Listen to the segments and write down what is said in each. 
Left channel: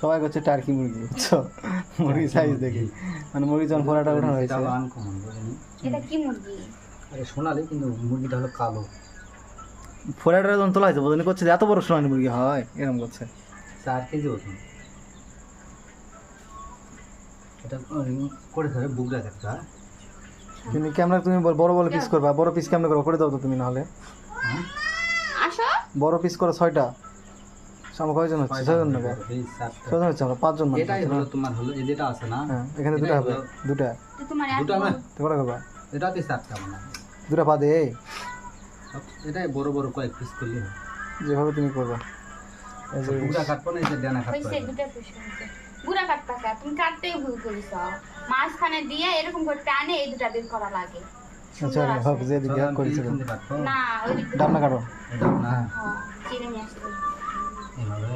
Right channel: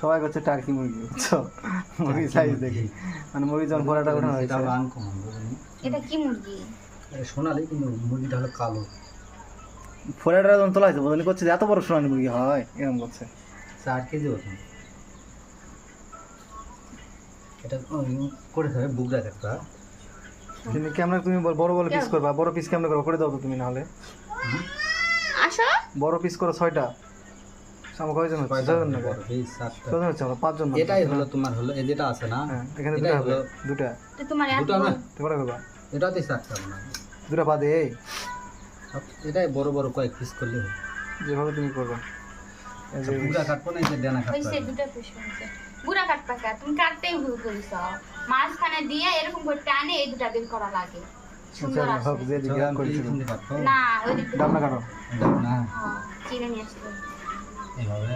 সবাই হচ্ছে টার্কি মুরগি, বুঝছো? মুরগি সাইজ দেখি, মানে মুরগি যখন ফোড়াটা ওঠানো হয়েছে। এটা হলো আনকমন, বুঝলি? এটা কি মুরগি? এটা সোনালি, কিন্তু মুরগিটা হলো কালো। ফোড়াটা যখন তোলা হয়েছে বোঝানি করছে যে এত বড় সোনালি মুরগি হয়, এরকম করছে। 4 কেজি ওজন। এটা করে খাবে বুক রাখা। তুমি ক্যামেরা তুমি বড় বড় পিস করবা, বড় পিস ক্যামেরা করে দাও তো তুমি, নাহলে আসো বড় পিস করো 6টা। আমার কয়জন হচ্ছে? 6জন না? এই 7টা। কয়জন হচ্ছে? আমরা 5 জন। এটাই হলো তোমার, হলো এই যেটা আছে না, হ্যাঁ, এখানে দুটো হবে, দুটো। তো তোমার দুটো না, তোমরা করবা এটাতেই 4টা মনে হয়। দুটো পা দে, এটাই বড় বড় কয়েক পিস করলে হবে। যেভাবে তুমি করবা। এই যে বুড়া কাটবো না, এই যে ডানা কাটবো। হইছে দুটো পিস হইছে। বুড়া কাটপা কা তুমি কাটতেই ভুল করিস। মাঝখানে দিয়ে এরকম করে টানে এই দুটা বের করা লাগে। সুন্দর আচ্ছা, আছে। হোক যে দিকে করেছিল। কাটবো না ওই দিকে দাম না কাটো। এটা না, হ্যাঁ চিড়ে নিয়ে আসতে এইভাবে।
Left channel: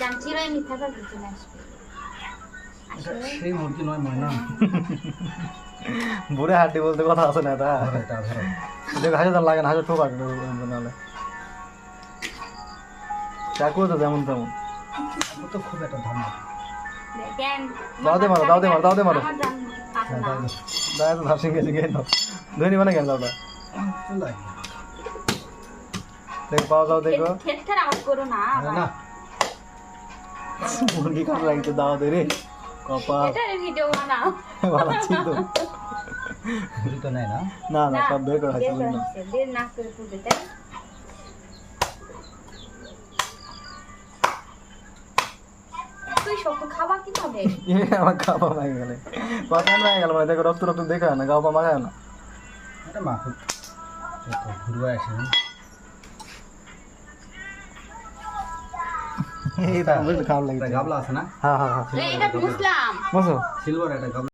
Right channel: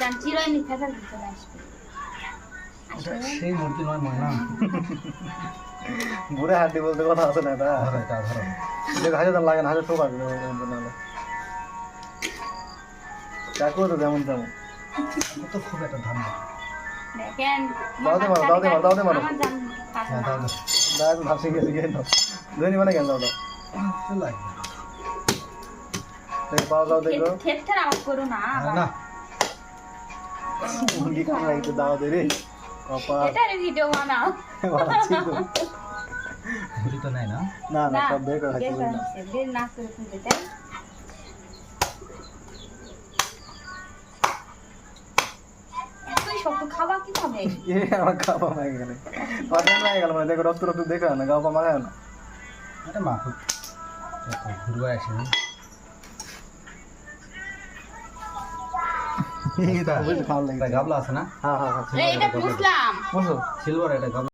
জান চিড়ে নি খাতা দিতে না আসবে। এটা সেই মুরগি নয় ময়না। বুড়ে হাড্ডি বলতে কথা আছে না এটা। ধরো এটা, ধরো। দেখো হাজার তো লাগে না, হাজার তো লাগবে নাহলে। চাকু তো যেমন তেমন। আমার তো খুব একটা ধান না। দেখেন দাও দে মারো, দাও দে মারো, দাও দে মারো। আমার জান কাটে হ্যাঁ, না। তাহলে দাও তো ভাবছি গেছে গেল। ধনি মানে গেল দাদা। তো লাগবে। দেখ পাওয়া যাও দেখো। ঠেট ঠেট আওয়াজ করো না আরে না, মুরগি খাওয়া লাগে তো দাও দে রে। বাবা এটার ভিডিও বানাও। ভালো ছিল। ঘুরি তো নেয় না। না না, সব বের করে বের হাসি করে না। নিচ্ছে, বের না করে ফুটে তাই তুই শক্ত খাবা কিভাবে? আমার খাওয়া মাগে গেলে বাবা মাগে গেল, দেখো রক্ত রক্ত দেখো না, গাও পা মাগে না। এটা মাখো, ঘুরবা আসে না। এটা খাওয়া লাগে। গাবলা আছে না, হ্যাঁ হ্যাঁ হ্যাঁ, এইটা বুঝলাম। বুঝছো? সিলভার, এটা গাবলা।